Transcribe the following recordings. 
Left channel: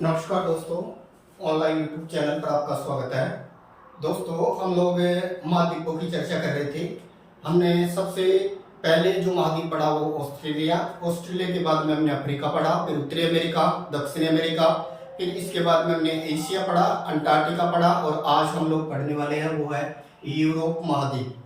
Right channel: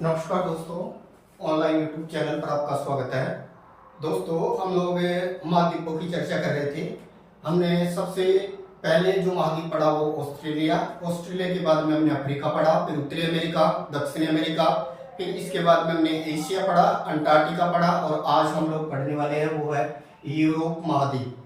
नमस्कार दोस्तों, online YouTube channel पर आपका स्वागत है। दोस्तों, हम लोग महाद्वीपों की चर्चा कर रहे थे। हमने सबसे पहले जो महाद्वीप पढ़ा वो ऑस्ट्रेलिया के बाद में हमने अफ्रीका पढ़ा, फिर उत्तरी अमेरिका, दक्षिणी अमेरिका, फिर इसके बाद में हमने एशिया पढ़ा, अंटार्कटिका पढ़ा और आज हम लोग पढ़ने वाले हैं वो है यूरोप महाद्वीप।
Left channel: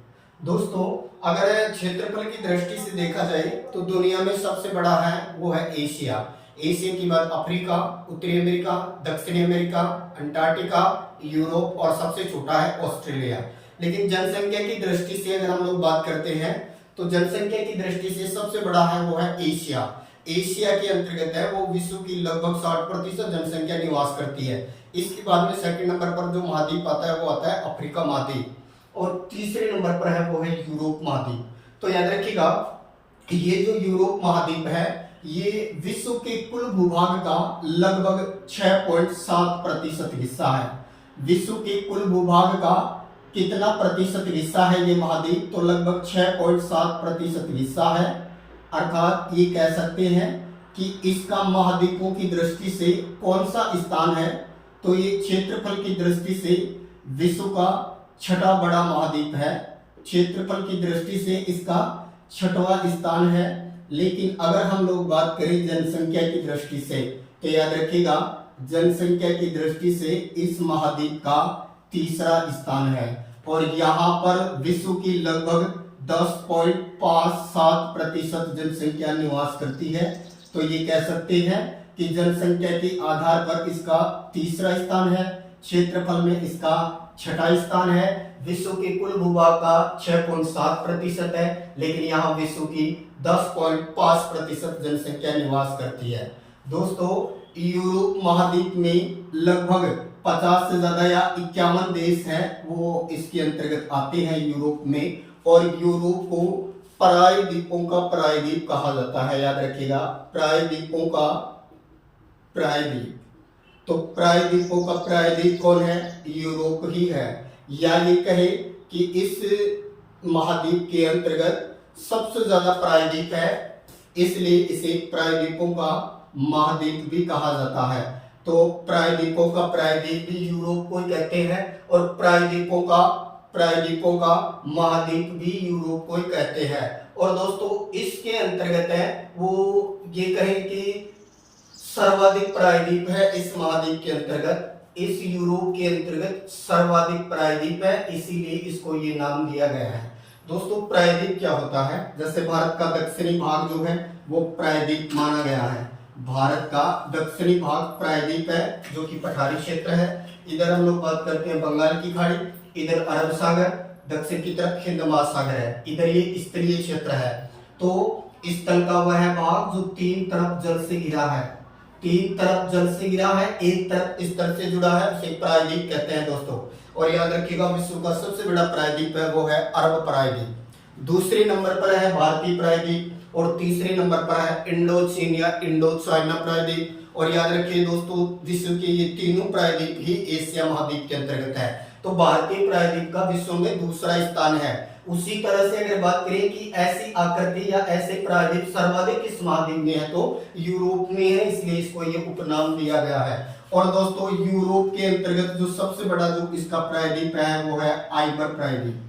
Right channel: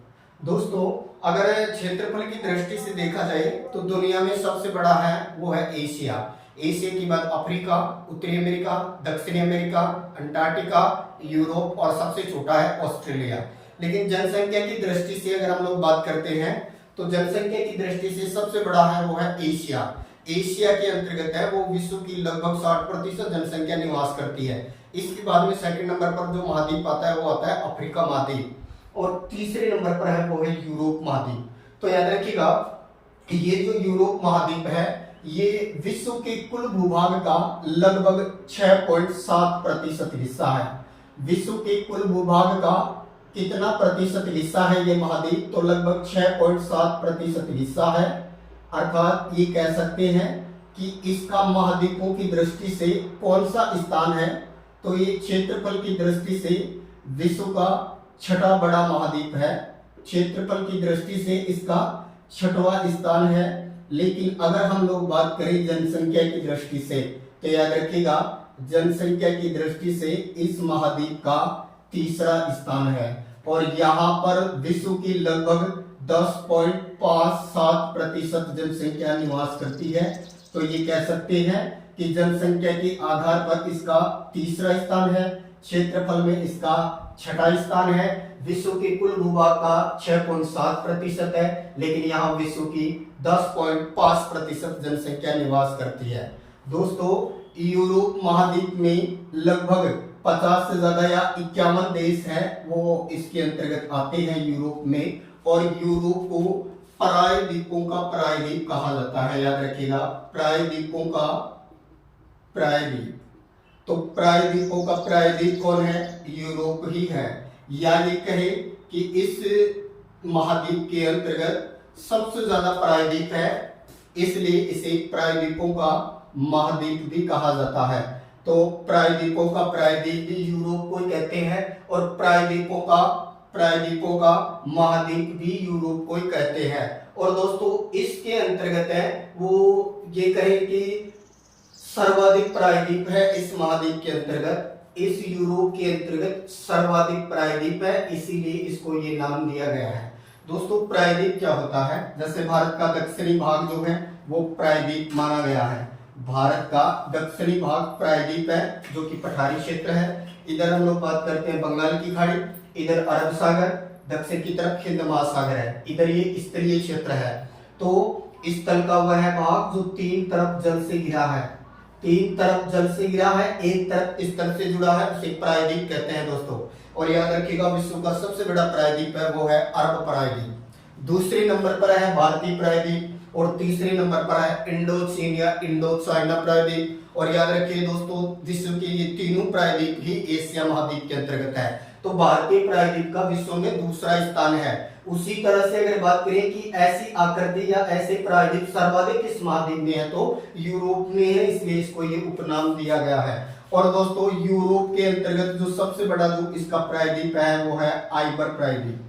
दोस्तों, अगर क्षेत्रफल की दृष्टि से देखा जाए तो दुनिया में सबसे बड़ा है वो है एशिया। एशिया के बाद अफ्रीका, उत्तरी अमेरिका, दक्षिणी अमेरिका, अंटार्कटिका, यूरोप और सबसे छोटा है ऑस्ट्रेलिया। लेकिन जनसंख्या की दृष्टि से अगर हम लोग बात करते हैं तो जनसंख्या की दृष्टि से सबसे बड़ा है वो है एशिया। एशिया के अंतर्गत है वो विश्व की लगभग 60% जनसंख्या निवास करती है। इसके बाद में सेकंड नंबर पर जो महाद्वीप आता है वो आता है अफ्रीका महाद्वीप और तीसरे नंबर पर है वो है यूरोप महाद्वीप। तो याद रखिएगा कि ये जो यूरोप महाद्वीप है ये विश्व के कुल भूभाग का लगभग 6.7% हिस्सा है। विश्व के कुल भूभाग का कितना प्रतिशत हिस्सा है ये महाद्वीप? तो लगभग 6.7% हिस्सा है। अर्थात ये कह सकते हैं कि इसका महाद्वीपों की दृष्टि से कौन सा स्थान है? तो ये क्षेत्रफल की दृष्टि से विश्व का छठा बड़ा महाद्वीप है। क्षेत्रफल की दृष्टि से इसका छठवां स्थान है। लेकिन अगर हम लोग बात करें जनसंख्या की दृष्टि से तो याद रखिएगा जनसंख्या की दृष्टि से इस महाद्वीप का तीसरा स्थान है और यहाँ पर विश्व की लगभग 10.57% जनसंख्या निवास करती है। तो ये कह सकते हैं कि जनसंख्या के आधार पर इसका तीसरा स्थान है, क्षेत्रफल में इसका छठा स्थान है। विश्व के कुल भूभाग का 6.7% है, लेकिन यहाँ विश्व की 10.5% जनसंख्या निवास करती है। दोस्तों, यूरोप महाद्वीप में लगभग 50 से ज्यादा या 51 देश हैं वो इसके अंतर्गत आते हैं यूरोप में। और यूरोप को प्रायद्वीपों का प्रायद्वीप कहा जाता है। याद रखिएगा प्रायद्वीपों का प्रायद्वीप। तो प्रायद्वीपों का प्रायद्वीप कौन है? यूरोप ही है। या ये कहे कि इस महाद्वीप के अंतर्गत सबसे ज्यादा प्रायद्वीप है, इसलिए इसे प्रायद्वीपों का महाद्वीप भी कहा जाता है। तो प्रायद्वीपों का प्रायद्वीप भी यूरोप को कहते हैं और प्रायद्वीपों का महाद्वीप भी यूरोप को ही कहते हैं। और दोस्तों, इसके अंतर्गत है वो ये कहे कि सर्वाधिक प्रायद्वीप है इस महाद्वीप के अंतर्गत, इस यूरोप के अंतर्गत सर्वाधिक प्रायद्वीप है, इसीलिए इसको ये नाम दिया गया है। दोस्तों, प्रायद्वीप क्या होता है? जैसे भारत का दक्षिणी भाग जो है वो प्रायद्वीप माना गया है। भारत का दक्षिणी भाग प्रायद्वीप है जो कि पठारी क्षेत्र है। इधर हम लोग बात करते हैं बंगाल की खाड़ी, इधर अरब सागर, दक्षिण की तरफ हिंद महासागर है, इधर ये स्तरीय क्षेत्र है। तो इस तल का वह भाग जो तीन तरफ जल से घिरा है, तीन तरफ जल से घिरा है, एक तरफ इस तरफ से जुड़ा है, उसे प्रायद्वीप कहते हैं दोस्तों। और याद रखिएगा विश्व का सबसे बड़ा प्रायद्वीप है वो है अरब प्रायद्वीप। दूसरे नंबर पर है भारतीय प्रायद्वीप और तीसरे नंबर पर है इंडोचीन या इंडो चाइना प्रायद्वीप। और याद रखिए दोस्तों, विश्व के ये तीनों प्रायद्वीप ही एशिया महाद्वीप के अंतर्गत है। तो भारतीय प्रायद्वीप का विश्व में दूसरा स्थान है। उसी तरह से अगर बात करें कि ऐसी आकृति या ऐसे प्रायद्वीप सर्वाधिक इस महाद्वीप में है तो यूरोप में है, इसलिए इसको ये उपनाम दिया गया है। और दोस्तों, यूरोप के अंतर्गत जो सबसे बड़ा जो इसका प्रायद्वीप है वो है आइबर प्रायद्वीप।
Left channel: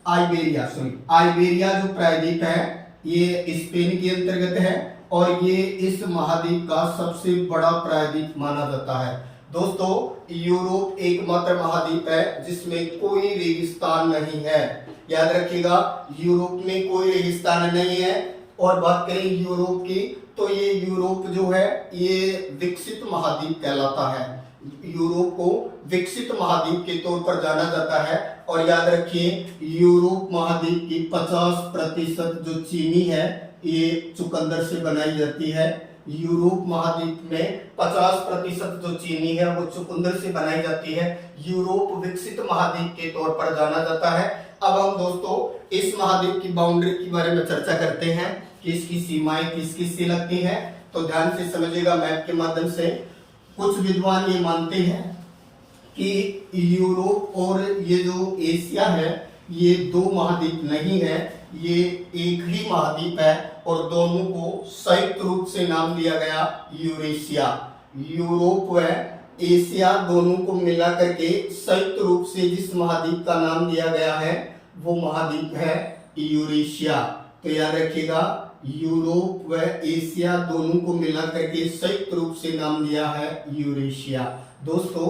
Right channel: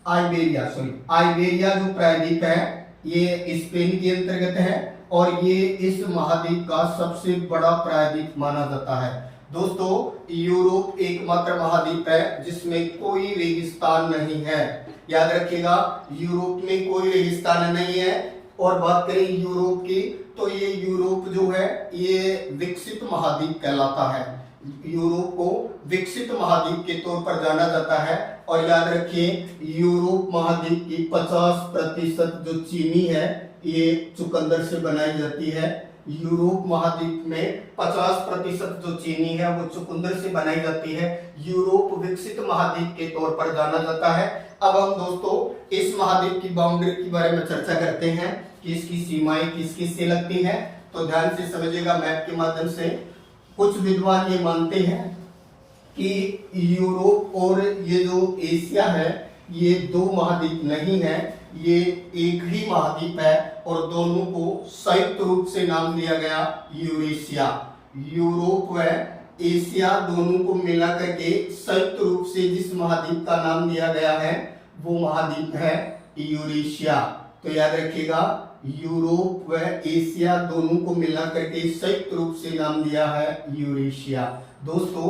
आइबेरिया जो प्रायद्वीप है ये स्पेन के अंतर्गत है और ये इस महाद्वीप का सबसे बड़ा प्रायद्वीप माना जाता है। दोस्तों, यूरोप एकमात्र महाद्वीप है जिसमें कोई रेगिस्तान नहीं है। याद रखिएगा यूरोप में कोई रेगिस्तान नहीं है। और बात करें यूरोप की तो ये यूरोप जो है ये विकसित महाद्वीप कहलाता है। यूरोप को विकसित महाद्वीप के तौर पर जाना जाता है। और याद रखिए यूरोप महाद्वीप की 50% जो चीनी है ये चुकंदर से बनाई जाती है। यूरोप महाद्वीप में 50% जो चीनी है वो चुकंदर से बनाई जाती है। यूरोप विकसित महाद्वीप के तौर पर जाना जाता है। अब हम दोस्तों इस महाद्वीप की बाउंड्री के बारे में चर्चा करते हैं कि इसकी सीमाएं किस किस से लगती हैं। तो ध्यान से समझिएगा मैप के माध्यम से। कुछ विद्वान ये मानते हैं कि यूरोप और ये जो एशिया है ये दो महाद्वीप नहीं है, ये एक ही महाद्वीप है और दोनों को संयुक्त रूप से नाम दिया गया यूरेशिया। यूरोप व एशिया दोनों को मिला करके संयुक्त रूप से जिस महाद्वीप का नाम दिया गया है वो महाद्वीप है यूरेशिया। तो याद रखिएगा, यूरोप व एशिया दोनों को मिला करके संयुक्त रूप से नाम दिया है यूरेशिया। दोस्तों,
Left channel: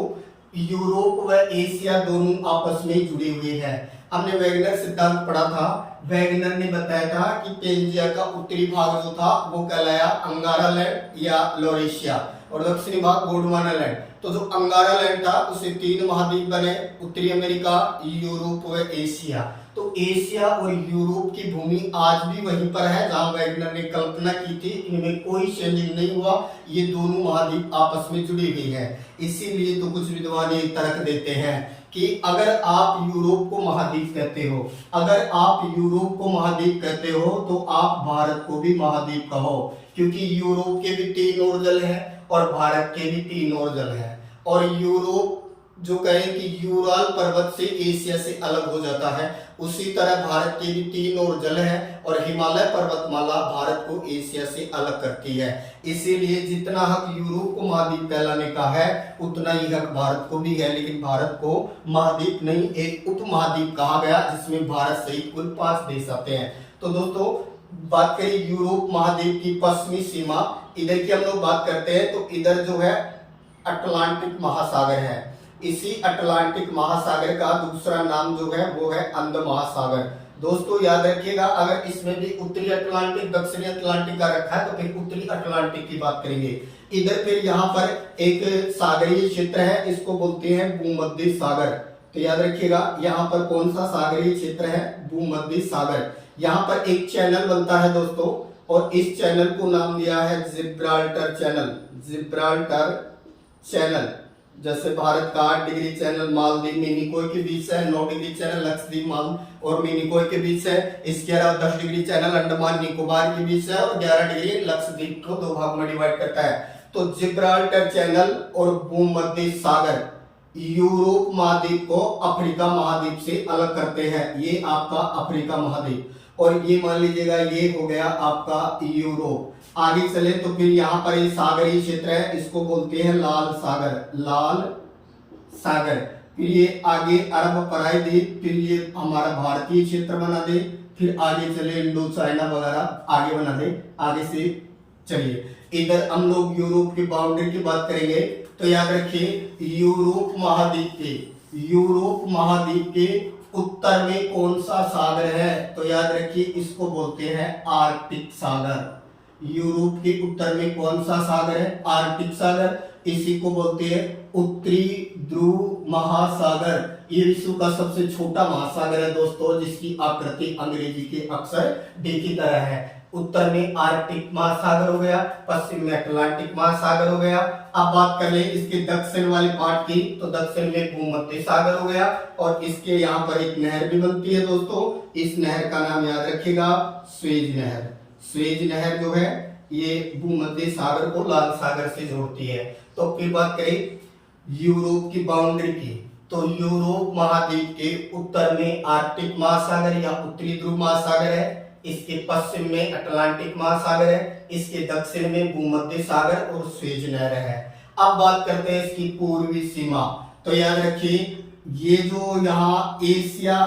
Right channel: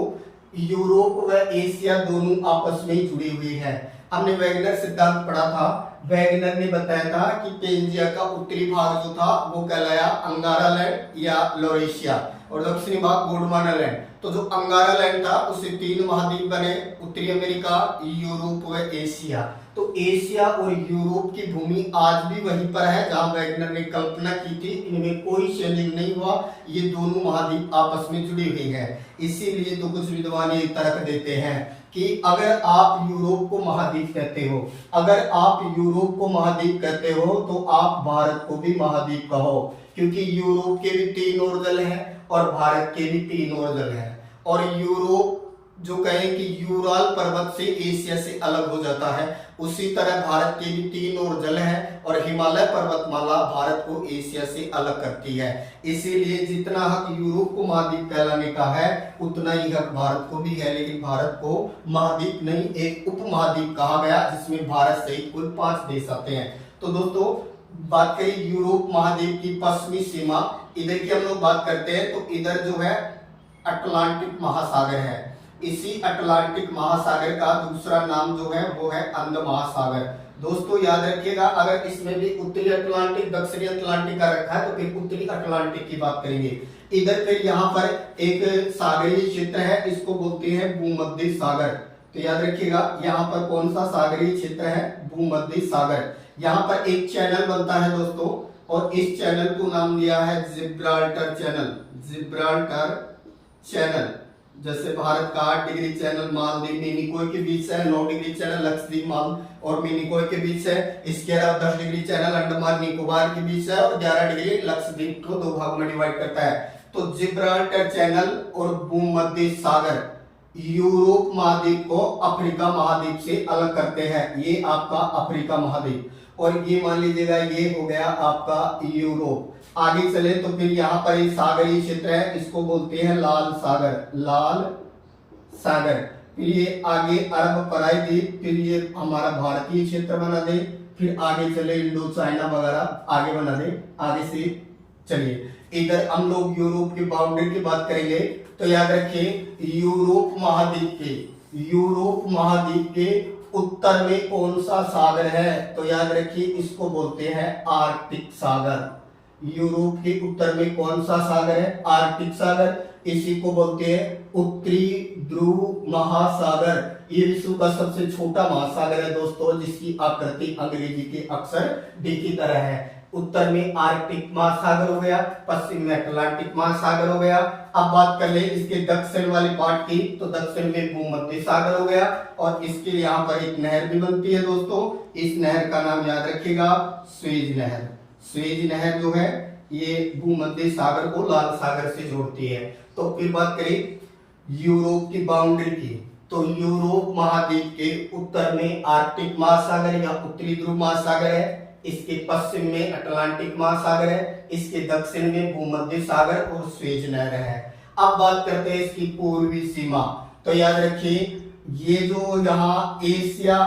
यूरोप व एशिया दोनों आपस में जुड़े हुए हैं। हमने वैगनर सिद्धांत पढ़ा था। वैगनर ने बताया था कि पेंजिया का उत्तरी भाग जो था वो कहलाया अंगारा लैंड या लॉरेशिया, और दक्षिणी भाग गोंडवाना लैंड। तो जो अंगारा लैंड था उसे 3 महाद्वीप बने, उत्तरी अमेरिका, यूरोप व एशिया। तो एशिया और यूरोप की भूमि आज भी वहीं पर है जहां वैगनर ने कल्पना की थी। इनमें कोई चेंजिंग नहीं हुआ, ये दोनों महाद्वीप आपस में जुड़ी हुई है। इसीलिए तो कुछ विद्वान ये तर्क देते हैं कि अगर आप यूरोप को महाद्वीप कहते हो, अगर आप यूरोप को महाद्वीप कहते हो तो आप भारत को भी महाद्वीप कहो, क्योंकि यूरोप के भी 3 ओरजल हैं और भारत के भी 3 ओरजल हैं। और यूरोप जो कहें कि यूराल पर्वत से एशिया से अलग हो जाता है, उसी तरह भारत के भी 3 ओरजल हैं और हिमालय पर्वतमाला भारत को एशिया से अलग करती है। इसीलिए जितना हक यूरोप को महाद्वीप कहलाने का है उतना ही हक भारत को भी है, लेकिन भारत को महाद्वीप नहीं, एक उपमहाद्वीप कहा गया जिसमें भारत सहित कुल 5 देश आते हैं। तो दोस्तों, बात करें यूरोप महाद्वीप की पश्चिमी सीमा, इधर की हम लोग बात करते हैं तो इधर जो है अटलांटिक महासागर है। इसी अटलांटिक महासागर का दूसरा नाम जो है वो है अंध महासागर। दोस्तों याद रखिएगा, अगर इसमें भी उत्तरी अटलांटिक दक्षिणी अटलांटिक का रखा है तो फिर उत्तरी अटलांटिक की बात करेंगे। इधर फिर यहाँ पर एक सागरीय क्षेत्र है, इसको बोलते हैं भूमध्य सागर। तो याद रखिएगा, यहाँ पर कौन सा सागरीय क्षेत्र है? भूमध्य सागर। यहाँ पर एक चैनल बनता है दोस्तों, और इस चैनल को नाम दिया है जिब्राल्टर चैनल। जिब्राल्टर चैनल, जैसे भारत का 8 डिग्री चैनल मालदीव मिनिकोय के बीच है, 9 डिग्री चैनल लक्षद्वीप माल और मिनिकोय के बीच है, इसके अलावा 10 डिग्री चैनल अंडमान निकोबार के बीच है और 11 डिग्री लक्षद्वीप को 2 भाग में डिवाइड करता है। तो जिब्राल्टर चैनल और भूमध्य सागर यूरोप महाद्वीप को अफ्रीका महाद्वीप से अलग करते हैं। ये आपका अफ्रीका महाद्वीप, और ये मान लीजिएगा ये हो गया आपका यूरोप। आगे चले तो फिर यहाँ पर ये सागरीय क्षेत्र है, इसको बोलते हैं लाल सागर। लाल सागर, फिर ये आगे अरब प्रायद्वीप, फिर ये हमारा भारतीय क्षेत्र बना दे, फिर आगे चले इंडो चाइना वगैरह आगे बना दे। आगे से चलिए, इधर हम लोग यूरोप की बाउंड्री की बात करेंगे। तो याद रखिए, यूरोप महाद्वीप के उत्तर में कौन सा सागर है? तो याद रखिए, इसको बोलते हैं आर्कटिक सागर। यूरोप के उत्तर में कौन सा सागर है? आर्कटिक सागर। इसी को बोलते हैं उत्तरी ध्रुव महासागर। ये विश्व का सबसे छोटा महासागर है दोस्तों, जिसकी आकृति अंग्रेजी के अक्षर डी की तरह है। उत्तर में आर्कटिक महासागर हो गया, पश्चिम में अटलांटिक महासागर हो गया। अब बात कर ले इसके दक्षिण वाले पार्ट की, तो दक्षिण में भूमध्य सागर हो गया, और इसके यहाँ पर एक नहर भी बनती है दोस्तों। इस नहर का नाम याद रखिएगा, स्वेज नहर। स्वेज नहर जो है ये भूमध्य सागर को लाल सागर से जोड़ती है। तो फिर बात करें यूरोप की बाउंड्री की, तो यूरोप महाद्वीप के उत्तर में आर्कटिक महासागर या उत्तरी ध्रुव महासागर है, इसके पश्चिम में अटलांटिक महासागर है, इसके दक्षिण में भूमध्य सागर और स्वेज नहर है। अब बात करते हैं इसकी पूर्वी सीमा। तो याद रखिए, ये जो यहाँ एशिया,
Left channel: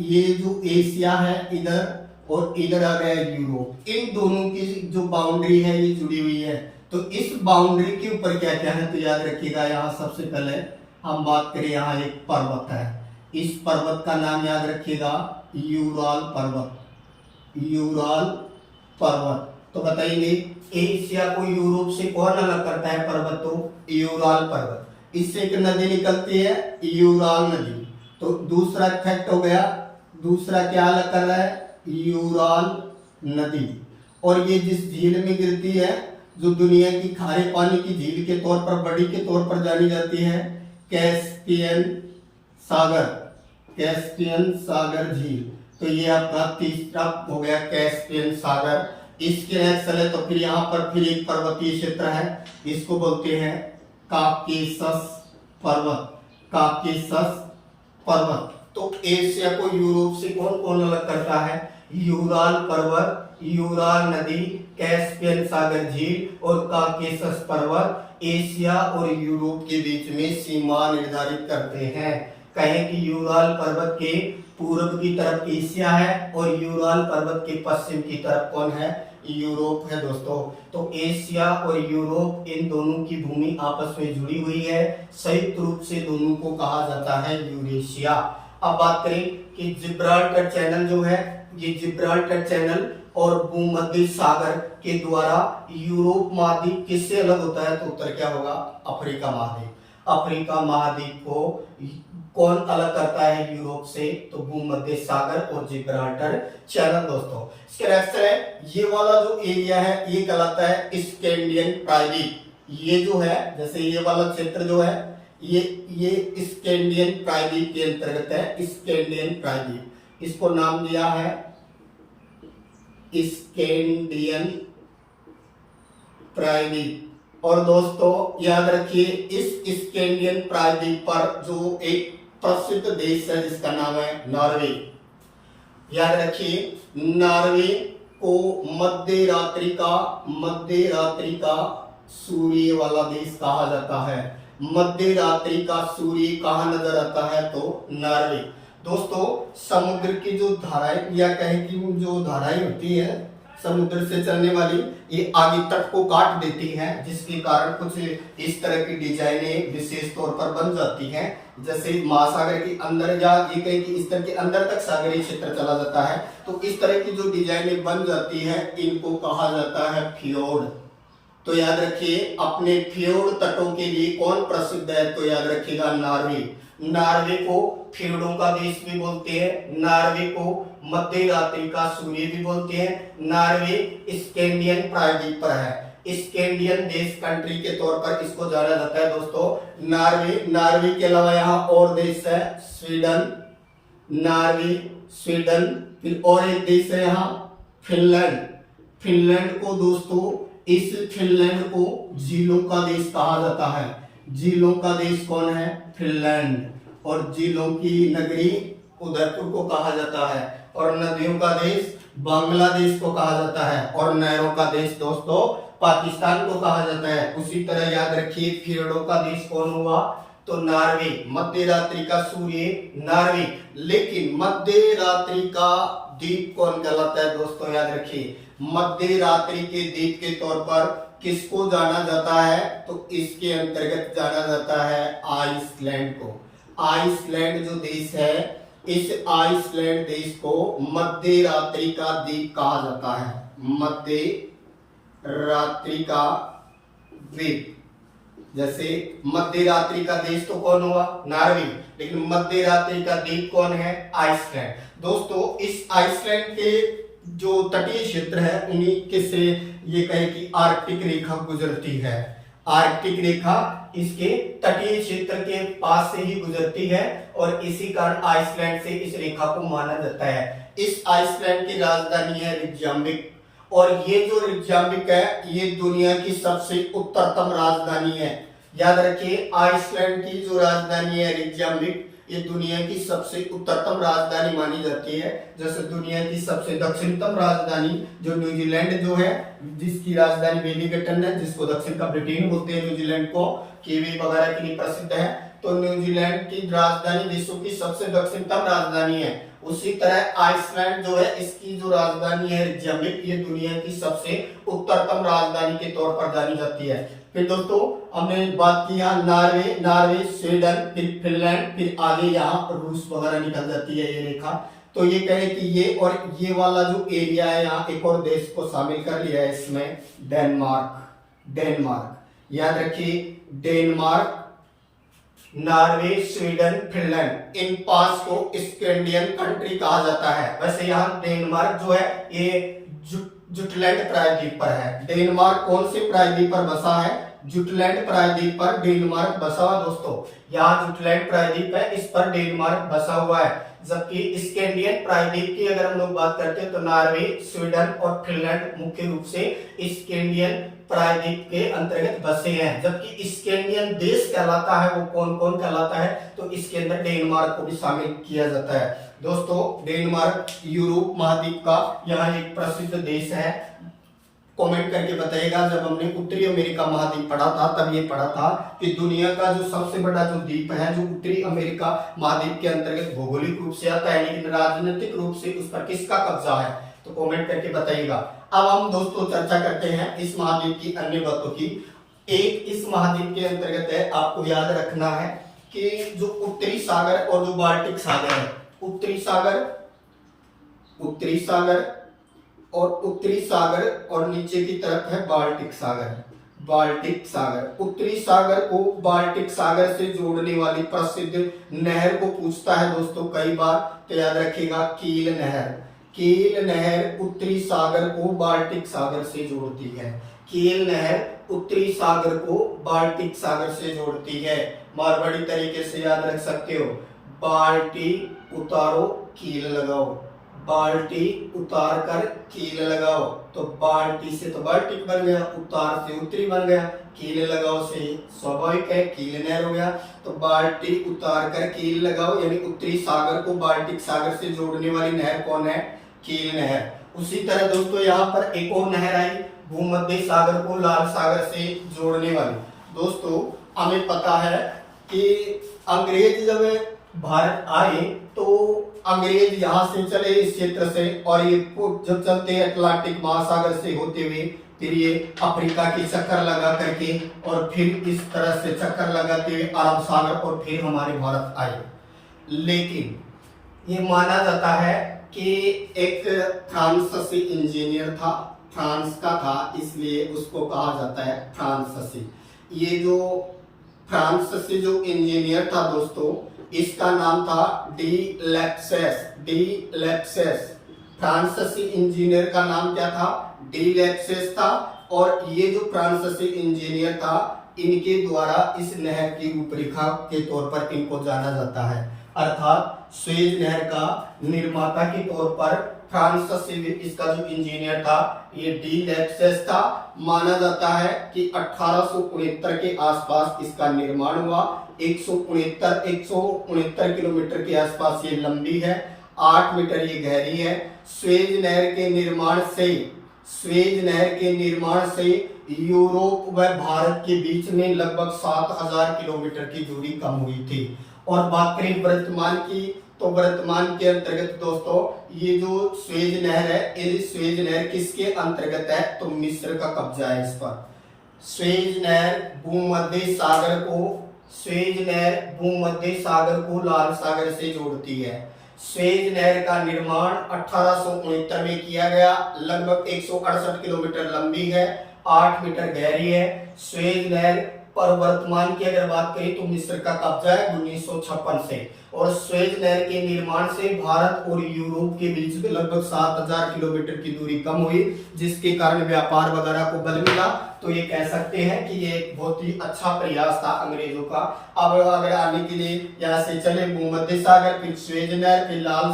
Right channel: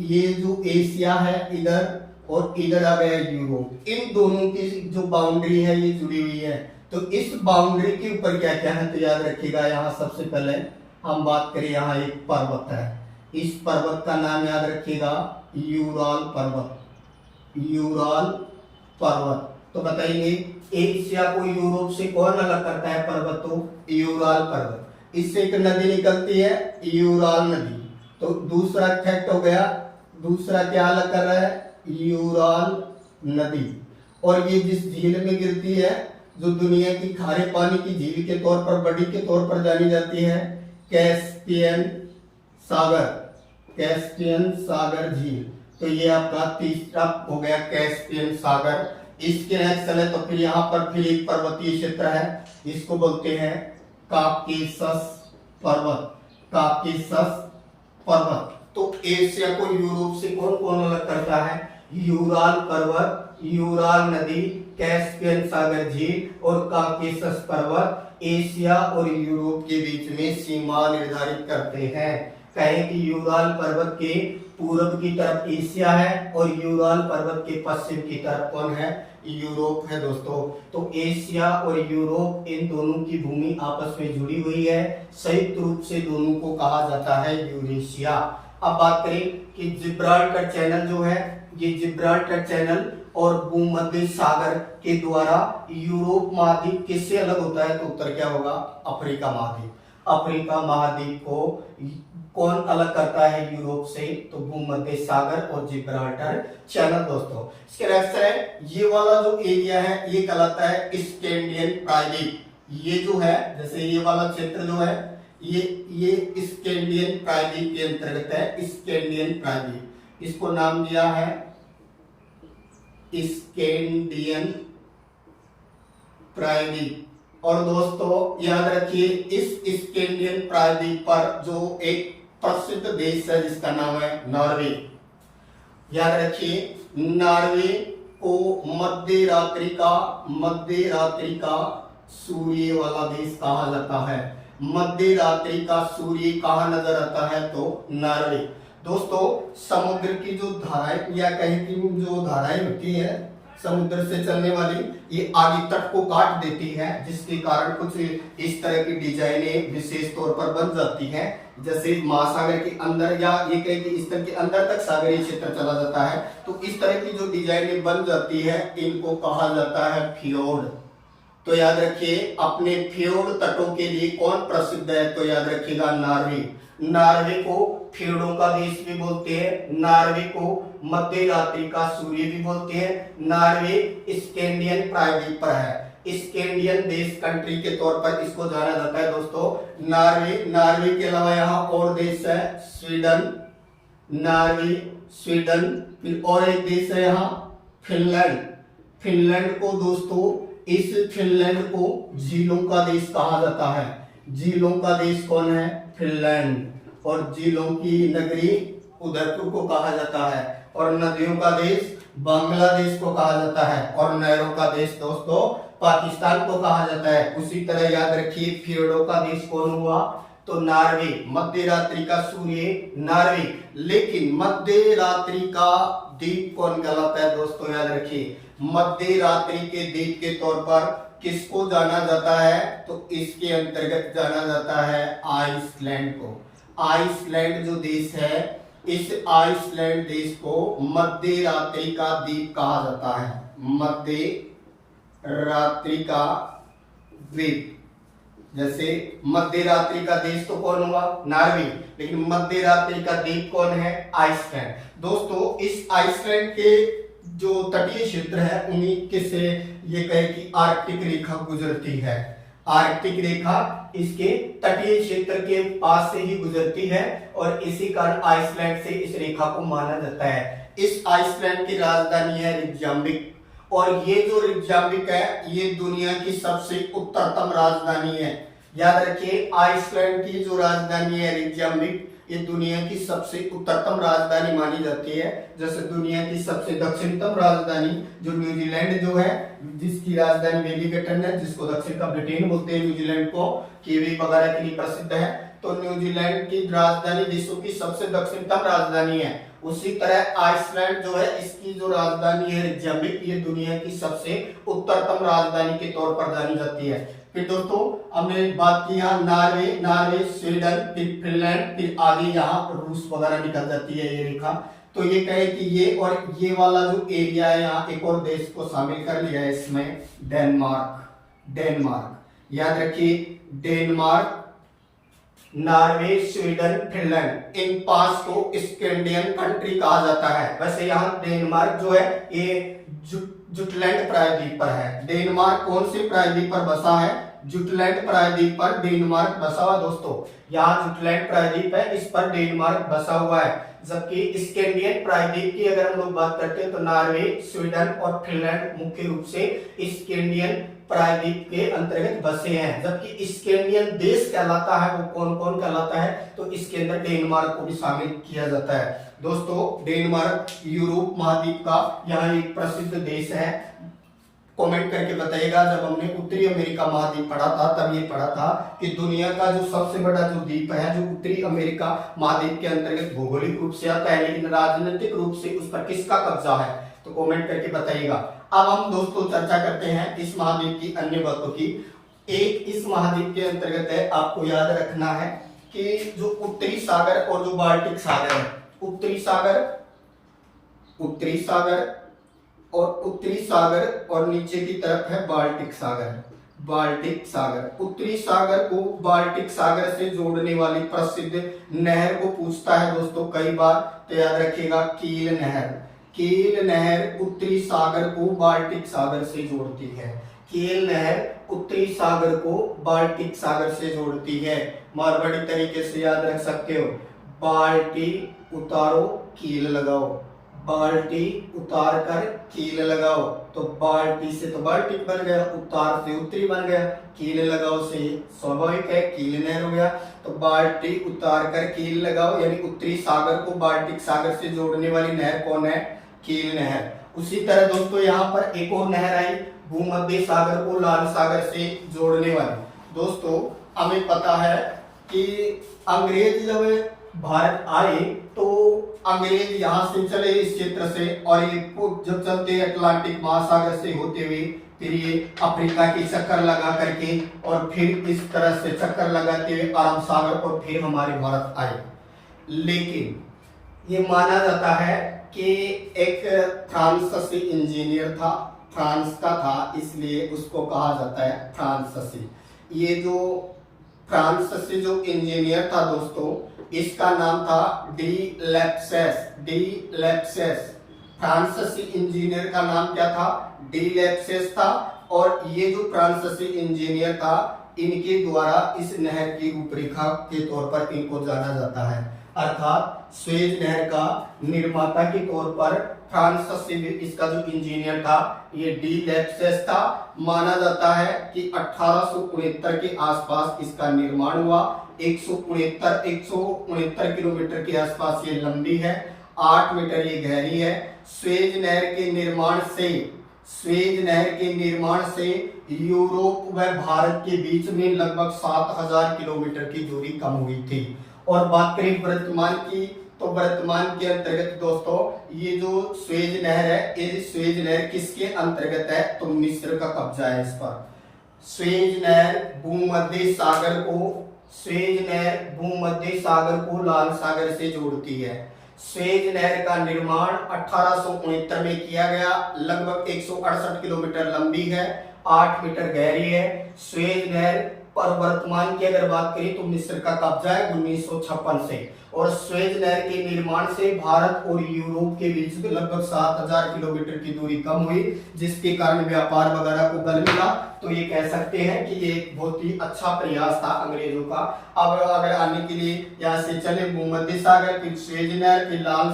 ये जो एशिया है इधर, और इधर आ गया यूरोप, इन दोनों की जो बाउंड्री है ये जुड़ी हुई है। तो इस बाउंड्री के ऊपर क्या क्या है? तो याद रखिएगा, यहाँ सबसे पहले हम बात करें, यहाँ एक पर्वत है, इस पर्वत का नाम याद रखिएगा यूराल पर्वत। यूराल पर्वत, तो बताइए एशिया को यूरोप से कौन अलग करता है पर्वत? तो यूराल पर्वत। इससे एक नदी निकलती है, यूराल नदी। तो दूसरा फैक्ट हो गया, दूसरा क्या अलग कर रहा है? यूराल नदी। और ये जिस झील में गिरती है, जो दुनिया की खारे पानी की झील के तौर पर, बड़ी के तौर पर जानी जाती है, कैस्पियन सागर। कैस्पियन सागर झील। तो ये आपका तीसरा हो गया कैस्पियन सागर। इसके नेक्स्ट चले तो फिर यहाँ पर फिर एक पर्वतीय क्षेत्र है, इसको बोलते हैं काकेशस पर्वत। काकेशस पर्वत। तो एशिया को यूरोप से कौन कौन अलग करता है? यूराल पर्वत, यूराल नदी, कैस्पियन सागर झील और काकेशस पर्वत एशिया और यूरोप के बीच में सीमा निर्धारित करते हैं। कहें कि यूराल पर्वत के पूर्व की तरफ एशिया है और यूराल पर्वत के पश्चिम की तरफ कौन है? यूरोप है दोस्तों। तो एशिया और यूरोप इन दोनों की भूमि आपस में जुड़ी हुई है, संयुक्त रूप से दोनों को कहा जाता है यूरेशिया। अब बात करें कि जिब्राल्टर चैनल जो है, ये जिब्राल्टर चैनल और भूमध्य सागर के द्वारा यूरोप महाद्वीप किससे अलग होता है? तो उत्तर क्या होगा? अफ्रीका महाद्वीप। अफ्रीका महाद्वीप को कौन अलग करता है यूरोप से? तो भूमध्य सागर और जिब्राल्टर चैनल दोस्तों। इसके नेक्स्ट है, ये वाला जो एरिया है ये कहलाता है स्कैंडियन प्रायद्वीप। ये जो है, जैसे ये वाला क्षेत्र जो है ये स्कैंडियन प्रायद्वीप के अंतर्गत है। स्कैंडियन प्रायद्वीप, इसको नाम दिया है स्कैंडियन प्रायद्वीप। और दोस्तों याद रखिए, इस स्कैंडियन प्रायद्वीप पर जो एक प्रसिद्ध देश है जिसका नाम है नॉर्वे। याद रखिए, नॉर्वे को मध्य रात्रि का सूर्य वाला देश कहा जाता है। मध्य रात्रि का सूर्य कहाँ नजर आता है? तो नॉर्वे। दोस्तों समुद्र की जो धाराएं या कहें कि जो धाराएं होती है समुद्र से चलने वाली, ये आगे तट को काट देती हैं, जिसके कारण कुछ इस तरह की डिजाइनें विशेष तौर पर बन जाती हैं। जैसे महासागर के अंदर या ये कहें कि इस तरह के अंदर तक सागरीय क्षेत्र चला जाता है, तो इस तरह की जो डिजाइनें बन जाती हैं इनको कहा जाता है फ्योर्ड। तो याद रखिए, अपने फ्योर्ड तटों के लिए कौन प्रसिद्ध है? तो याद रखिएगा नॉर्वे। नॉर्वे को फ्योर्डों का देश भी बोलते हैं, नॉर्वे को मध्य रात्रि का सूर्य भी बोलते हैं। नॉर्वे स्कैंडियन प्रायद्वीप पर है। स्कैंडियन देश कंट्री के तौर पर इसको जाना जाता है दोस्तों। नॉर्वे के अलावा यहाँ और देश है स्वीडन, नॉर्वे, स्वीडन, फिर और एक देश है यहाँ फिनलैंड। फिनलैंड को दोस्तों, इस फिनलैंड को झीलों का देश कहा जाता है। झीलों का देश कौन है? फिनलैंड। और झीलों की नगरी उदयपुर को कहा जाता है। और नदियों का देश बांग्लादेश को कहा जाता है। और नहरों का देश दोस्तों पाकिस्तान को कहा जाता है। उसी तरह याद रखिए, फियोर्डों का देश कौन हुआ? तो नॉर्वे। मध्य रात्रि का सूर्य नॉर्वे। लेकिन मध्य रात्रि का द्वीप कौन कहलाता है दोस्तों? याद रखिए, मध्य रात्रि के द्वीप के तौर पर किसको जाना जाता है? तो इसके अंतर्गत जाना जाता है आइसलैंड को। आइसलैंड जो देश है, इस आइसलैंड देश को मध्य रात्रि का द्वीप कहा जाता है। मध्य रात्रि का द्वीप। जैसे मध्य रात्रि का देश तो कौन हुआ? नॉर्वे। लेकिन मध्य रात्रि का द्वीप कौन है? आइसलैंड। दोस्तों इस आइसलैंड के जो तटीय क्षेत्र है उन्हीं के से ये कहे कि आर्कटिक रेखा गुजरती है। आर्कटिक रेखा इसके तटीय क्षेत्र के पास से ही गुजरती है और इसी कारण आइसलैंड से इस रेखा को माना जाता है। इस आइसलैंड की राजधानी है रिकजाविक। और ये जो रिकजाविक है ये दुनिया की सबसे उत्तरतम राजधानी है। याद रखिए, आइसलैंड की जो राजधानी है रिकजाविक, ये दुनिया की सबसे उत्तरतम राजधानी मानी जाती है। जैसे दुनिया की सबसे दक्षिणतम राजधानी जो न्यूजीलैंड जो है, जिसकी राजधानी वेलिंगटन है, जिसको दक्षिण का ब्रिटेन बोलते हैं, न्यूजीलैंड को कीवी वगैरह के लिए प्रसिद्ध है। तो न्यूजीलैंड की राजधानी विश्व की सबसे दक्षिणतम राजधानी है। उसी तरह आइसलैंड जो है, इसकी जो राजधानी है रिकजाविक, ये दुनिया की सबसे उत्तरतम राजधानी के तौर पर जानी जाती है। फिर दोस्तों हमने बात की यहाँ नॉर्वे, स्वीडन, फिर फिनलैंड, फिर आगे यहाँ रूस वगैरह निकल जाती है ये रेखा। तो ये कहे कि ये और ये वाला जो एरिया है, यहाँ एक और देश को शामिल कर लिया है इसमें, डेनमार्क। याद रखिए, डेनमार्क, नॉर्वे, स्वीडन, फिनलैंड, इन 5 को स्कैंडियन कंट्री कहा जाता है। वैसे यहाँ डेनमार्क जो है ये जुटलैंड प्रायद्वीप पर है। डेनमार्क कौन से प्रायद्वीप पर बसा है? जुटलैंड प्रायद्वीप पर डेनमार्क बसा हुआ दोस्तों। यहाँ जुटलैंड प्रायद्वीप है, इस पर डेनमार्क बसा हुआ है। जबकि स्कैंडियन प्रायद्वीप की अगर हम लोग बात करते हैं तो नॉर्वे, स्वीडन और फिनलैंड मुख्य रूप से स्कैंडियन प्रायद्वीप के अंतर्गत बसे हैं। जबकि स्कैंडियन देश कहलाता है, वो कौन कौन कहलाता है? तो इसके अंदर डेनमार्क को भी शामिल किया जाता है। दोस्तों डेनमार्क यूरोप महाद्वीप का यहाँ एक प्रसिद्ध देश है। कमेंट करके बताइएगा। जब हमने उत्तरी अमेरिका महाद्वीप पढ़ा था तब ये पढ़ा था कि दुनिया का जो सबसे बड़ा जो द्वीप है जो उत्तरी अमेरिका महाद्वीप के अंतर्गत भौगोलिक रूप से आता है, लेकिन राजनीतिक रूप से उस पर किसका कब्जा है, तो कमेंट करके बताइएगा। अब हम दोस्तों चर्चा करते हैं इस महाद्वीप की अन्य बातों की। एक इस महाद्वीप के अंतर्गत है, आपको याद रखना है कि जो उत्तरी सागर और जो बाल्टिक सागर है, उत्तरी सागर और नीचे की तरफ है बाल्टिक सागर। उत्तरी सागर को बाल्टिक सागर से जोड़ने वाली प्रसिद्ध नहर को पूछता है दोस्तों कई बार, तो याद रखिएगा कील नहर उत्तरी सागर को बाल्टिक सागर से जोड़ती है। कील नहर उत्तरी सागर को बाल्टिक सागर से जोड़ती है। मारवाड़ी तरीके से याद रख सकते हो, बाल्टी उतारो कील लगाओ, बाल्टी उतार कर कील लगाओ, तो बाल्टी से तो बाल्टिक बन गया, उतार से उत्तरी बन गया, कील लगाओ से स्वाभाविक है कील नहर हो गया। तो बाल्टी उतार कर कील लगाओ, यानी उत्तरी सागर को बाल्टिक सागर से जोड़ने वाली नहर कौन है, कील नहर। उसी तरह दोस्तों यहाँ पर एक और नहर आई भूमध्य सागर को लाल सागर से जोड़ने वाली। दोस्तों हमें पता है कि अंग्रेज जब भारत आए तो अंग्रेज यहाँ से चले इस क्षेत्र से, और ये जब चलते हैं अटलांटिक महासागर से होते हुए फिर ये अफ्रीका की चक्कर लगा करके और फिर इस तरह से चक्कर लगाते हुए अरब सागर और फिर हमारे भारत आए। लेकिन ये माना जाता है कि एक फ्रांसीसी इंजीनियर था, फ्रांस का था, इसलिए उसको कहा जाता है फ्रांसीसी। ये जो फ्रांसीसी जो इंजीनियर था दोस्तों, इसका नाम था डी लेप्सेस। फ्रांसीसी इंजीनियर का नाम क्या था, डी लेप्सेस था। और ये जो फ्रांसीसी इंजीनियर था, इनके द्वारा इस नहर की रूपरेखा के तौर पर इनको जाना जाता है, अर्थात स्वेज नहर का निर्माता के तौर पर फ्रांसीसी इसका जो इंजीनियर था ये डी लेप्सेस था। माना जाता है कि 1869 के आसपास इसका निर्माण हुआ। 169 किलोमीटर के आसपास ये लंबी है, 8 मीटर ये गहरी है। स्वेज नहर के निर्माण से यूरोप व भारत के बीच में लगभग 7000 किलोमीटर की दूरी कम हुई थी। और बात करें वर्तमान की, तो वर्तमान के अंतर्गत दोस्तों ये जो स्वेज नहर है, ये स्वेज नहर किसके अंतर्गत है, तो मिस्र का कब्जा है इस पर। स्वेज नहर भूमध्य सागर को लाल सागर से जोड़ती है। स्वेज नहर का निर्माण 1869 में किया गया, लगभग 168 किलोमीटर लंबी है, 8 मीटर गहरी है। स्वेज नहर पर वर्तमान की अगर बात करें तो मिस्र का कब्जा है 1956 से। और स्वेज नहर के निर्माण से भारत और यूरोप के बीच में लगभग 7000 किलोमीटर की दूरी कम हुई, जिसके कारण व्यापार वगैरह को बल मिला। तो ये कह सकते हैं कि ये एक बहुत ही अच्छा प्रयास था अंग्रेजों का। अब अगर आने के लिए यहाँ से चले भूमध्य सागर, फिर स्वेज नहर, फिर लाल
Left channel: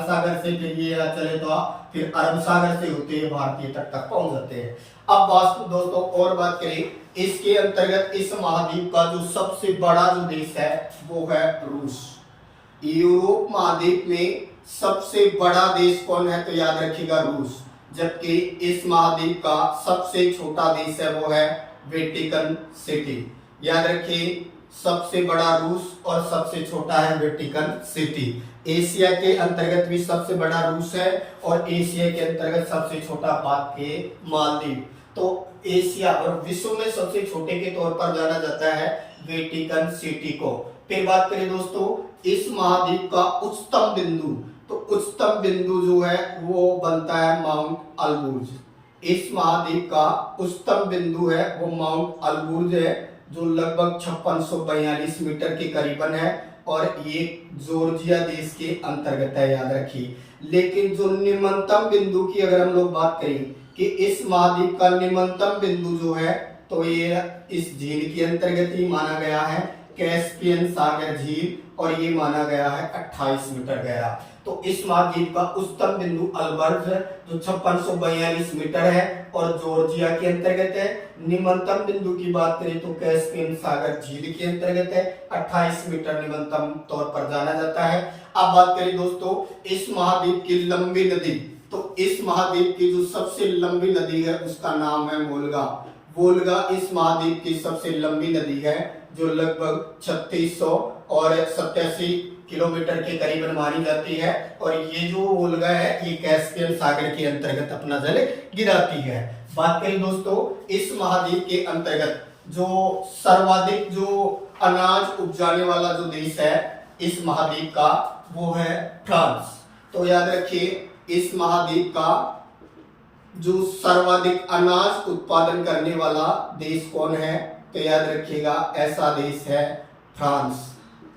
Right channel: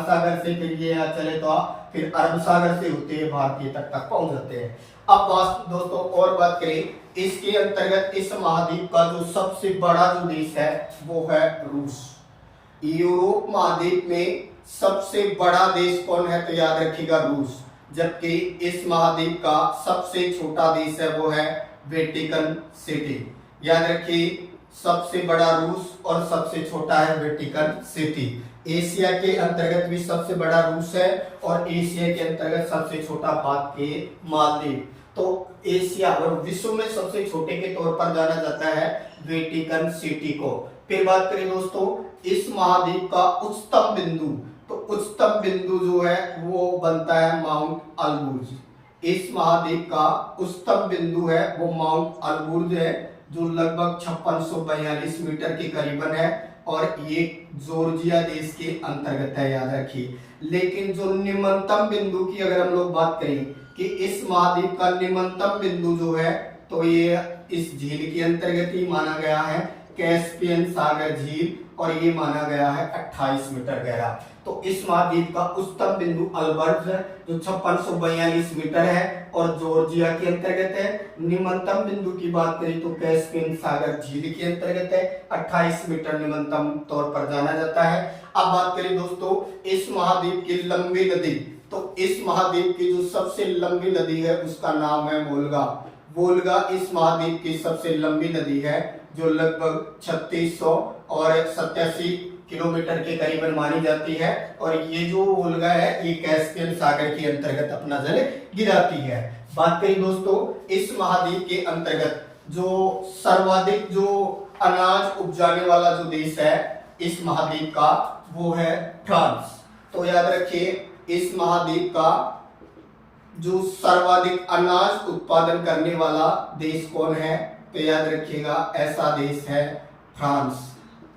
सागर से फिर ये यहाँ चले तो फिर अरब सागर से होते हुए भारतीय तट तक पहुंच जाते हैं। अब दोस्तों और बात करें, इसके अंतर्गत इस महाद्वीप का जो सबसे बड़ा जो देश है वो है रूस। यूरोप महाद्वीप में सबसे बड़ा देश कौन है, तो याद रखिएगा रूस। जबकि इस महाद्वीप का सबसे छोटा देश है वो है वेटिकन सिटी। याद रखिए, सबसे बड़ा रूस और सबसे छोटा है वेटिकन सिटी। एशिया के अंतर्गत भी सबसे बड़ा रूस है और एशिया के अंतर्गत सबसे छोटा बात के मालदीव। तो एशिया और विश्व में सबसे छोटे के तौर पर जाना जाता है वेटिकन सिटी को। फिर बात करें दोस्तों इस महाद्वीप का उच्चतम बिंदु, तो उच्चतम बिंदु जो है वो बनता है माउंट अल्बुर्ज। इस महाद्वीप का उच्चतम बिंदु है वो माउंट अल्बुर्ज है, जो लगभग 5642 मीटर के करीबन है और ये जॉर्जिया देश के अंतर्गत है, याद रखिए। लेकिन जो निम्नतम बिंदु की अगर हम लोग बात करें कि इस महाद्वीप का निम्नतम बिंदु जो है तो ये इस झील के अंतर्गत ही माना गया है, कैस्पियन सागर झील, और ये माना गया है 28 मीटर गहरा। तो इस महाद्वीप का उच्चतम बिंदु अल्बर्ट जो 5642 मीटर है और जॉर्जिया के अंतर्गत है। निम्नतम बिंदु की बात करें तो कैस्पियन सागर झील के अंतर्गत है, 28 मीटर निम्नतम तौर पर जाना जाता है। अब बात करें दोस्तों इस महाद्वीप की लंबी नदी, तो इस महाद्वीप की जो सबसे लंबी नदी है उसका नाम है वोल्गा। वोल्गा इस महाद्वीप की सबसे लंबी नदी है, जो लगभग 3600 और 87 किलोमीटर के करीबन मानी जाती है। और ये जो वोल्गा है ये कैस्पियन सागर के अंतर्गत अपना जल गिराती है। बात करें दोस्तों इस महाद्वीप के अंतर्गत जो सर्वाधिक जो अनाज उपजाने वाला जो देश है इस महाद्वीप का, वो है फ्रांस। तो याद रखिए इस महाद्वीप का जो सर्वाधिक अनाज उत्पादन करने वाला देश कौन है, तो याद रखिएगा ऐसा देश है फ्रांस।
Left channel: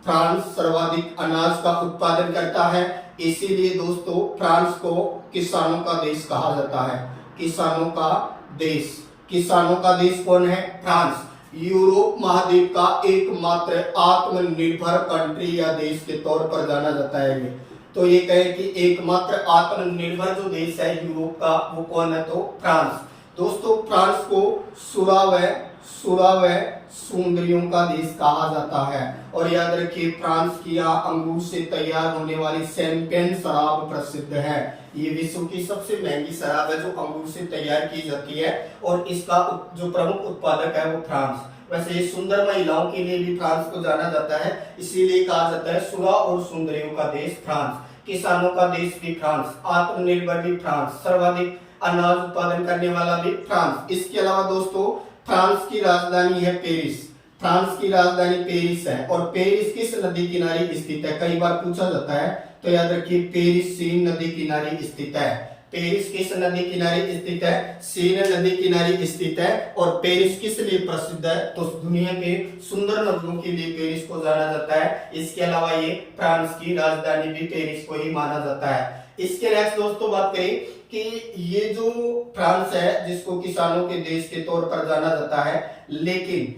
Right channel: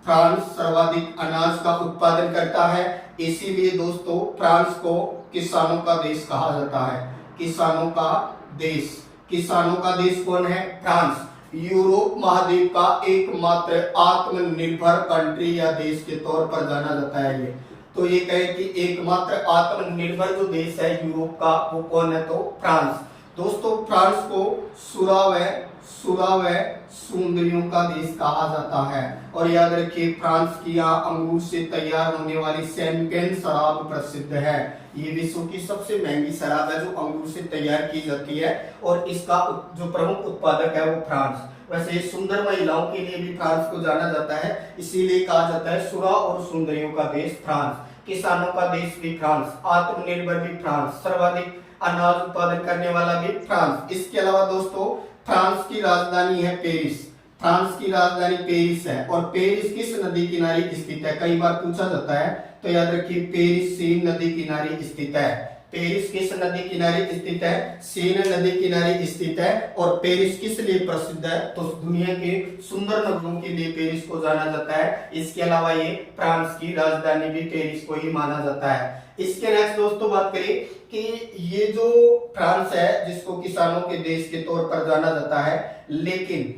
फ्रांस सर्वाधिक अनाज का उत्पादन करता है, इसीलिए दोस्तों फ्रांस को किसानों का देश कहा जाता है। किसानों का देश। किसानों का देश कौन है? फ्रांस। यूरोप महाद्वीप का एकमात्र आत्मनिर्भर कंट्री या देश के तौर पर जाना जाता है ये। तो ये कहे कि एकमात्र आत्मनिर्भर जो देश है यूरोप का, वो कौन है? तो फ्रांस। दोस्तों फ्रांस को सुरावह सुंदरियों का देश कहा जाता है। और याद रखिए फ्रांस की यहाँ अंगूर से तैयार होने वाली शैंपेन शराब प्रसिद्ध है। ये विश्व की सबसे महंगी शराब है जो अंगूर से तैयार की जाती है, और इसका जो प्रमुख उत्पादक है वो फ्रांस। वैसे ये सुंदर महिलाओं के लिए भी फ्रांस को जाना जाता है, इसीलिए कहा जाता है सुरा और सुंदरियों का देश फ्रांस। किसानों का देश भी फ्रांस, आत्मनिर्भर भी फ्रांस, सर्वाधिक अनाज उत्पादन करने वाला भी फ्रांस। इसके अलावा दोस्तों फ्रांस की राजधानी है पेरिस। फ्रांस की राजधानी पेरिस है। और पेरिस किस नदी किनारे स्थित है? कई बार पूछा जाता है, तो याद रखिए पेरिस सीन नदी किनारे स्थित है। पेरिस किस नदी किनारे स्थित है? सीन नदी किनारे स्थित है। और पेरिस किस लिए प्रसिद्ध है? तो दुनिया के सुंदर नगरों के लिए पेरिस को जाना जाता है। इसके अलावा ये फ्रांस की राजधानी भी पेरिस को ही माना जाता है। इसके नेक्स्ट दोस्तों बात करें कि ये जो फ्रांस है जिसको किसानों के देश के तौर पर जाना जाता है, लेकिन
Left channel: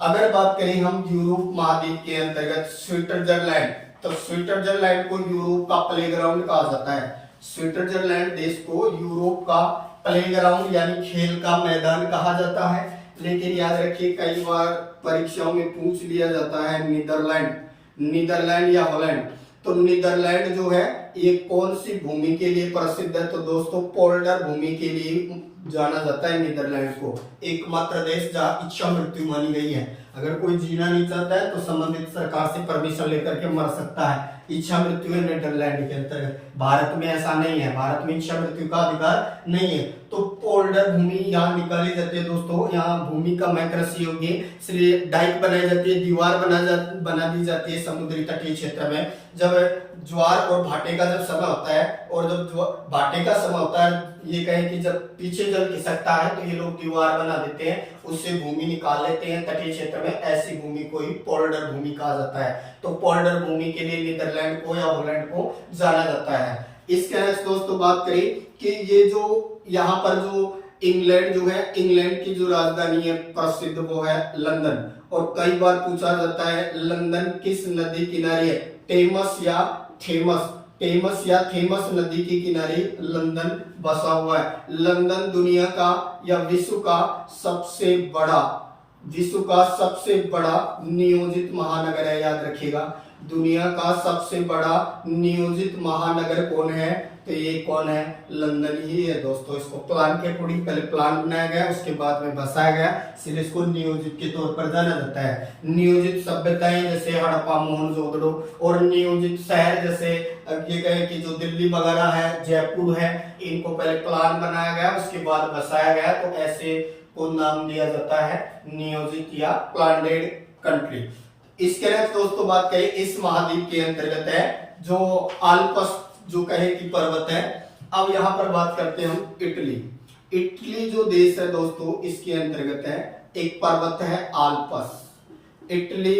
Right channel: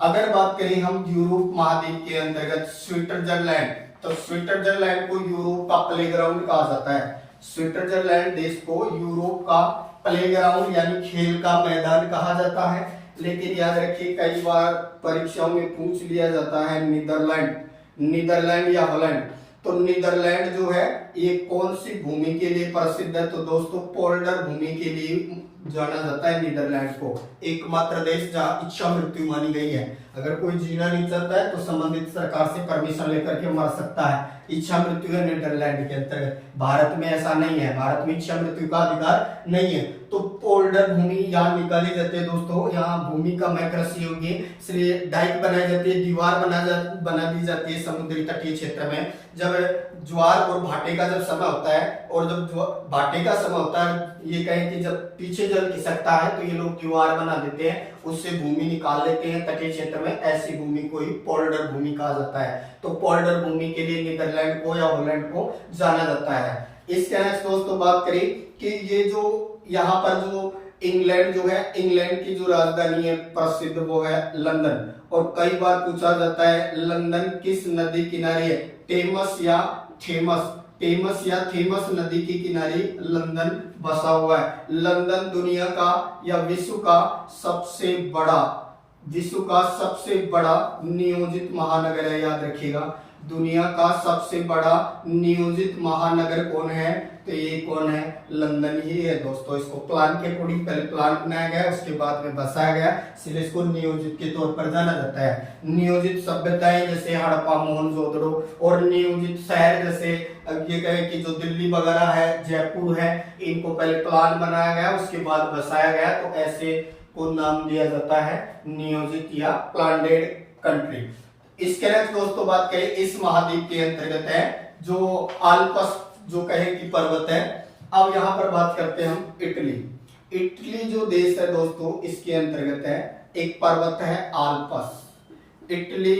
अगर बात करें हम यूरोप महाद्वीप के अंतर्गत स्विट्जरलैंड, तो स्विट्जरलैंड को यूरोप का प्लेग्राउंड कहा जाता है। स्विट्जरलैंड देश को यूरोप का प्लेग्राउंड यानी खेल का मैदान कहा जाता है। लेकिन याद रखिए कई बार परीक्षाओं में पूछ लिया जाता है नीदरलैंड या हॉलैंड। तो नीदरलैंड जो है ये कौन सी भूमि के लिए प्रसिद्ध है? तो दोस्तों पोल्डर भूमि के लिए जाना जाता है नीदरलैंड को। एकमात्र देश जहां इच्छा मृत्यु मानी गई है। अगर कोई जीना नहीं चाहता है तो संबंधित सरकार से परमिशन लेकर के मर सकता है। इच्छा मृत्यु है नीदरलैंड के अंतर्गत। भारत में ऐसा नहीं है, भारत में इच्छा मृत्यु का अधिकार नहीं है। तो पोल्डर भूमि यहाँ निकाली जाती है दोस्तों। यहाँ भूमि का मैं कृषि योग्य डाइक बनाई जाती है, दीवार बना दी जाती है समुद्री तटीय क्षेत्र में। जब ज्वार और भाटे का जब समय होता है, और जब भाटे का समय होता है, ये कहें कि जब पीछे जल खिसकता है तो ये लोग दीवार बना देते हैं, उससे भूमि निकाल लेते हैं तटीय क्षेत्र में। ऐसी भूमि को ही पोल्डर भूमि कहा जाता है। तो पोल्डर भूमि के लिए नीदरलैंड को या हॉलैंड को जाना जाता है। इसके नेक्स्ट दोस्तों बात करें कि ये जो यहाँ पर जो इंग्लैंड जो है, इंग्लैंड की जो राजधानी है प्रसिद्ध वो है लंदन। और कई बार पूछा जाता है लंदन किस नदी किनारे है? टेमस या थेमस नदी के किनारे लंदन बसा हुआ है। लंदन दुनिया का या विश्व का सबसे बड़ा नियोजित महानगर है। याद रखिएगा दुनिया का सबसे बड़ा नियोजित महानगर कौन है? तो ये कौन है? लंदन ही है दोस्तों। इसको प्लान के अकॉर्डिंग पहले प्लान बनाया गया, उसके बाद में बसाया गया, इसलिए इसको नियोजित के तौर पर जाना जाता है। नियोजित सभ्यताएं जैसे हड़प्पा मोहनजोदड़ो, और नियोजित शहर जैसे ये कहे कि जो दिल्ली वगैरह है, जयपुर है, इनको पहले प्लान बनाया गया उसके बाद बसाया गया। तो ऐसे को नाम दिया जाता है नियोजित या प्लानेड कंट्री। इसके नेक्स्ट दोस्तों बात करें इस महाद्वीप के अंतर्गत है जो आल्प्स जो कहे कि पर्वत है। अब यहाँ पर बात करते हैं हम इटली जो देश है दोस्तों इसके अंतर्गत है एक पर्वत है आल्प्स। इटली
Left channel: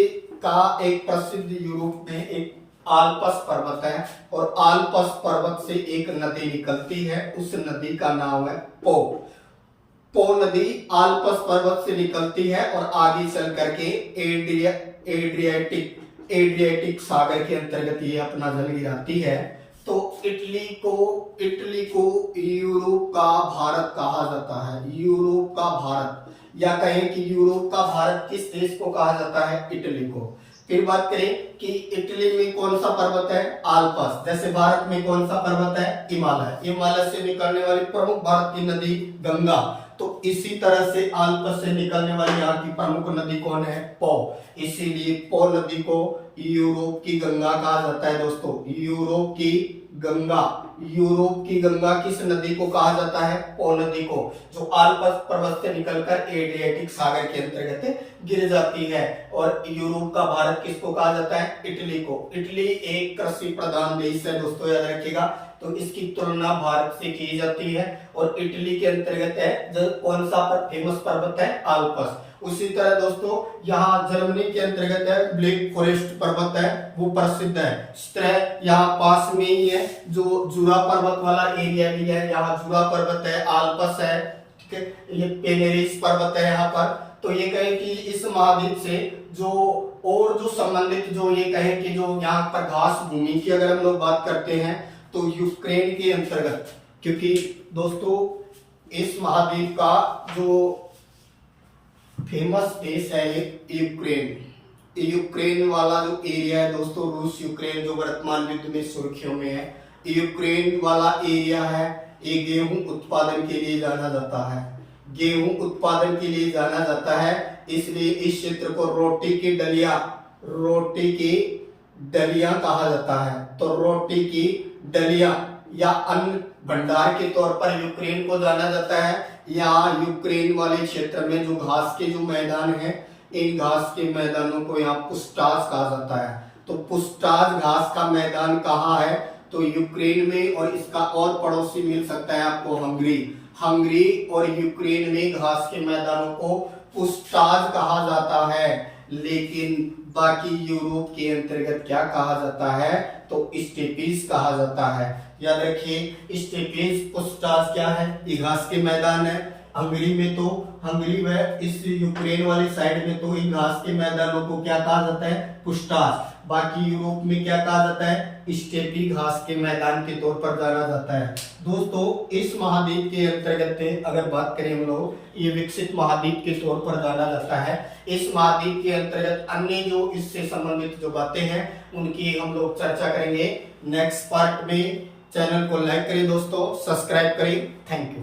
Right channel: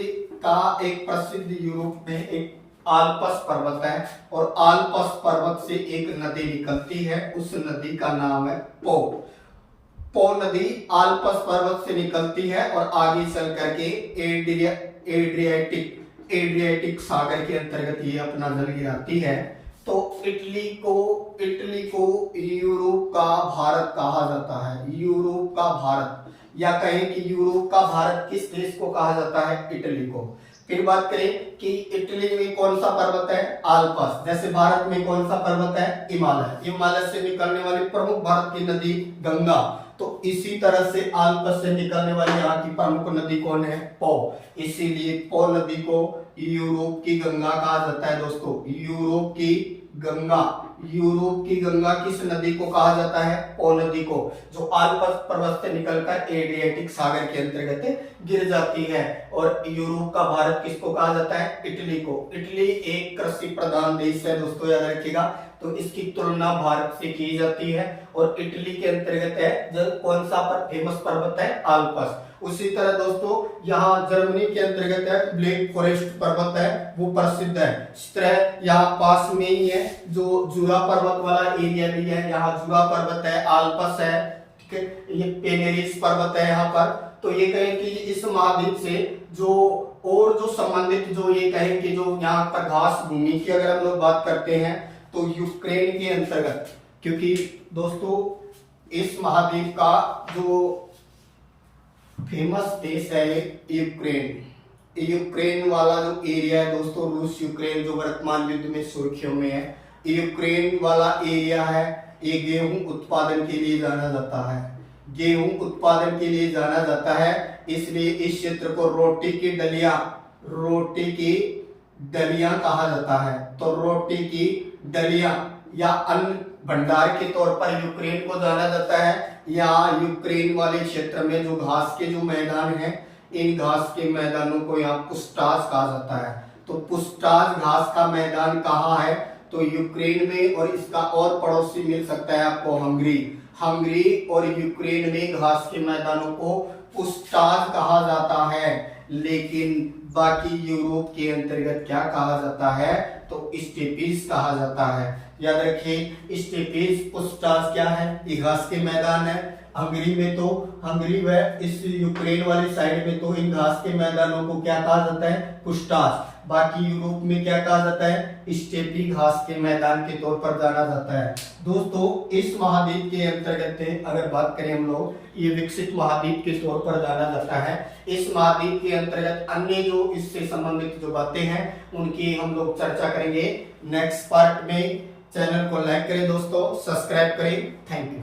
का एक प्रसिद्ध यूरोप में एक आल्प्स पर्वत है, और आल्प्स पर्वत से एक नदी निकलती है, उस नदी का नाम है पो नदी आल्प्स पर्वत से निकलती है और आगे चल करके एड्रियाटिक सागर के अंतर्गत ये अपना जल गिराती है। तो इटली को यूरोप का भारत कहा जाता है। यूरोप का भारत, या कहें कि यूरोप का भारत किस देश को कहा जाता है? इटली को। फिर बात करें कि इटली में कौन सा पर्वत है, आल्प्स। जैसे भारत में कौन सा पर्वत है, हिमालय। हिमालय से निकलने वाली प्रमुख भारत की नदी गंगा। तो इसी तरह से आल्प्स से निकलने वाली यहाँ की प्रमुख नदी कौन है, पो। इसीलिए पो नदी को यूरोप की गंगा कहा जाता है दोस्तों। यूरोप की गंगा, यूरोप की गंगा किस नदी को कहा जाता है, पो नदी को, जो आल्प्स पर्वत से निकलकर एड्रियाटिक सागर के अंतर्गत गिर जाती है। और यूरोप का भारत किसको कहा जाता है, इटली को। इटली एक कृषि प्रधान देश है दोस्तों, याद रखिएगा। तो इसकी तुलना भारत से की जाती है और इटली के अंतर्गत है जो कौन सा फेमस पर्वत है, आल्प्स। उसी तरह दोस्तों यहाँ जर्मनी के अंतर्गत है ब्लैक फॉरेस्ट पर्वत है, वो प्रसिद्ध है। इस तरह यहाँ पास में ही है जो जुरा पर्वत वाला एरिया भी है, यहाँ जुरा पर्वत है, आल्प्स है, ठीक है। ये पेनेरिस पर्वत है यहाँ पर। तो ये कहे कि इस महाद्वीप से जो और जो संबंधित जो ये कहे कि जो यहाँ पर घास भूमि की अगर हम लोग बात करते हैं तो यूक्रेन के अंतर्गत, क्योंकि दोस्तों इस महाद्वीप का जो फेमस देश है यूक्रेन। यूक्रेन वाला जो एरिया है दोस्तों, रूस यूक्रेन जो वर्तमान युद्ध में सुर्खियों में है, यूक्रेन वाला एरिया है, ये गेहूं उत्पादन के लिए जाना जाता है। गेहूं उत्पादन के लिए जाना जाता है, इसलिए इस क्षेत्र को रोटी की डलिया कहा जाता है। तो रोटी की डलिया या अन्न भंडार के तौर पर यूक्रेन को जाना जाता है। यहाँ यूक्रेन वाले क्षेत्र में जो घास के जो मैदान है, इन घास के मैदानों को यहाँ पुस्टाज कहा जाता है। तो पुस्टाज घास का मैदान कहाँ है, तो यूक्रेन में। और इसका और पड़ोसी मिल सकता है आपको हंगरी और यूक्रेन में घास के मैदानों को पुस्टाज कहा जाता है। लेकिन बाकी यूरोप के अंतर्गत क्या कहा जाता है, तो स्टेपीज कहा जाता है। याद रखिए स्टेपीज, पुस्टाज क्या है, ये घास के मैदान है। हंगरी में तो हंगरी व इस यूक्रेन वाली साइड में तो इन घास के मैदानों को क्या कहा जाता है, पुस्टाज। बाकी यूरोप में क्या कहा जाता है, स्टेपी घास के मैदान के तौर पर जाना जाता है। दोस्तों इस महाद्वीप के अंतर्गत अगर बात करें हम लोग, ये विकसित महाद्वीप के तौर पर जाना जाता है। इस महाद्वीप के अंतर्गत अन्य जो इससे संबंधित जो बातें हैं उनकी हम लोग चर्चा करेंगे नेक्स्ट पार्ट में। चैनल को लाइक करें दोस्तों, सब्सक्राइब करें। Thank you.